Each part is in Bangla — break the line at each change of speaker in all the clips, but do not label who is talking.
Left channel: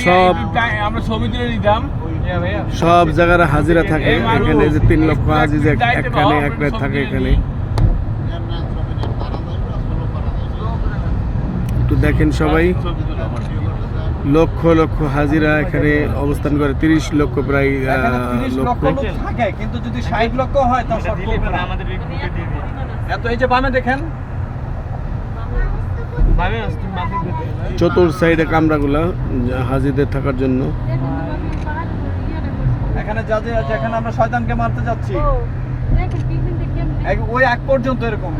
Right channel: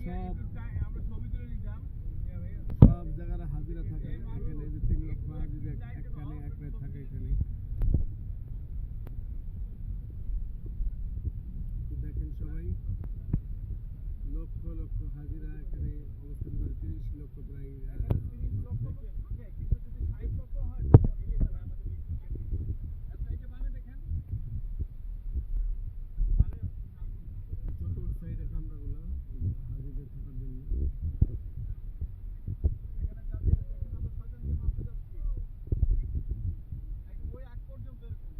সব-
আমরা ছবি তুলে নিতাম।
সব জায়গার হাজিরা থাকে এখানে যে তিন লক্ষ হাজি যে এখানে এক রাত থাকে এখানে। একটু দেখেন সবাই। লক্ষ লক্ষ হাজিরা এখানে অবস্থান করে তিরিশ লক্ষ প্রায় আহ,
এখানে 30 লক্ষ
লক্ষ।
থাকে কিন্তু যদি 60 লক্ষ হয় না। এত এই যে বামে দেখেন
চতুর সাইডে কামরাগুলা হাজিদের থাকার জন্য
এখানে যা যে যেখানে আমরা শয়তানকে মারতে যাচ্ছি এক- ওই এক পর্যন্ত এরকম।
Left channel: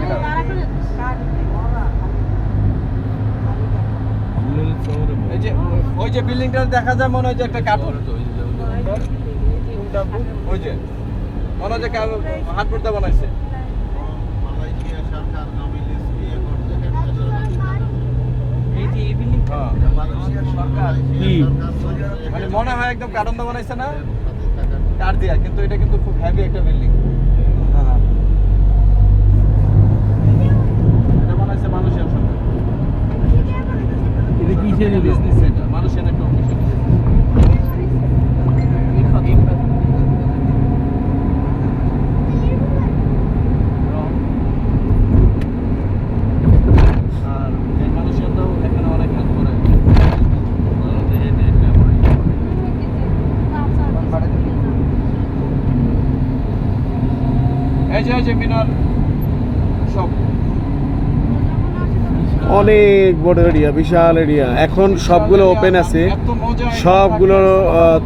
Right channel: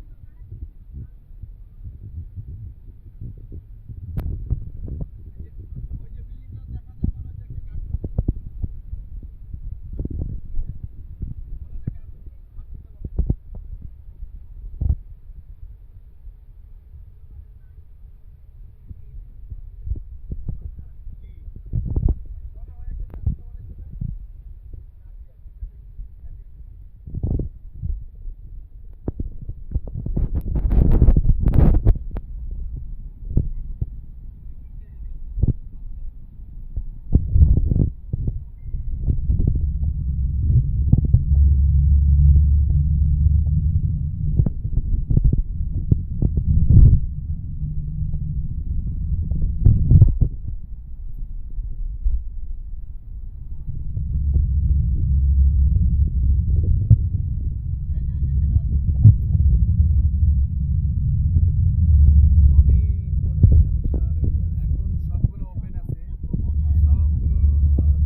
এই যে ওই যে বিল্ডিংটা দেখা যায় মনে হয় যে একটা কার্টুন ওই যে মনে হয় যে পর্দা বানাইছে হ্যাঁ। মানে মনে হয় একদম কার্টন দা বানাইছে না? কার দিয়া, কিন্তু এটা কিন্তু খুব হেভি একটা বিল্ডিং এটা বানাইছে মানুষের
এটা কিসের
বিজনেস এটা মালয়েশিয়ান একটা অফিস আর এই মালয়েশিয়ানরাও এখানে অনেক হেল্প করে এই যে এই যে মিনার সব।
অনেক বড় এরিয়া বিশাল এরিয়া এখন সবগুলো ওপেন আছে।
এত মজা
সবগুলো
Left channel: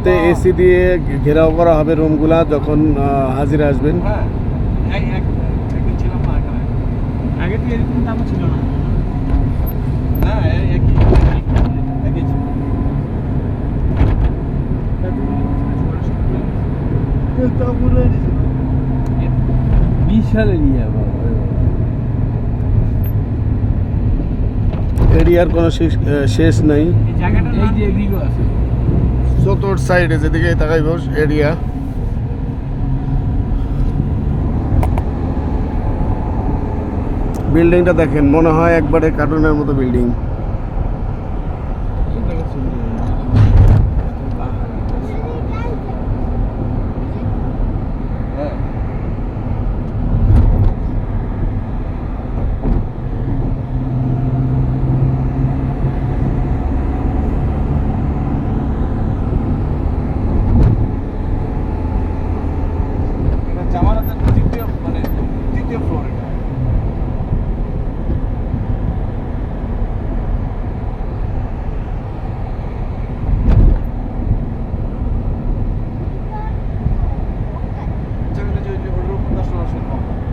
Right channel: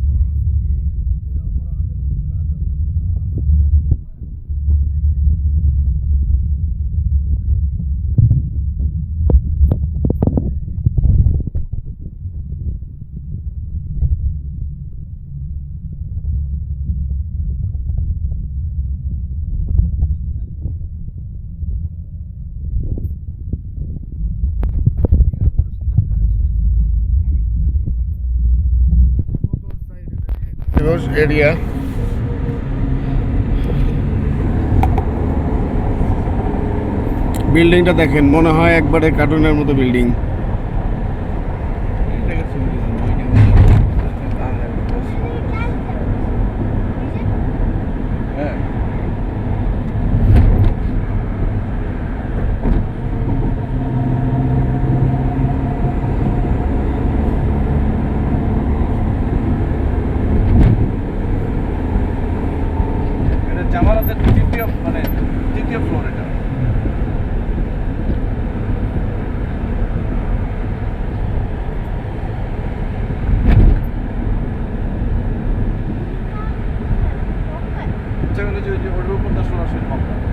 তে এসি দিয়ে ঘেরাও করা হবে রুমগুলা যখন হাজিরা আসবেন।
হ্যাঁ
বিশাল এরিয়া
এরিয়ার কোনো শেষ আহ, শেষ নাই। চতুর সাইডে যেদিকে তাকাই বস এরিয়া। বিল্ডিংটা দেখেন মনে হয় একবারে কার্টুনের মতো building.
Germany diyor diyor burada bundan sonra şey yapalım.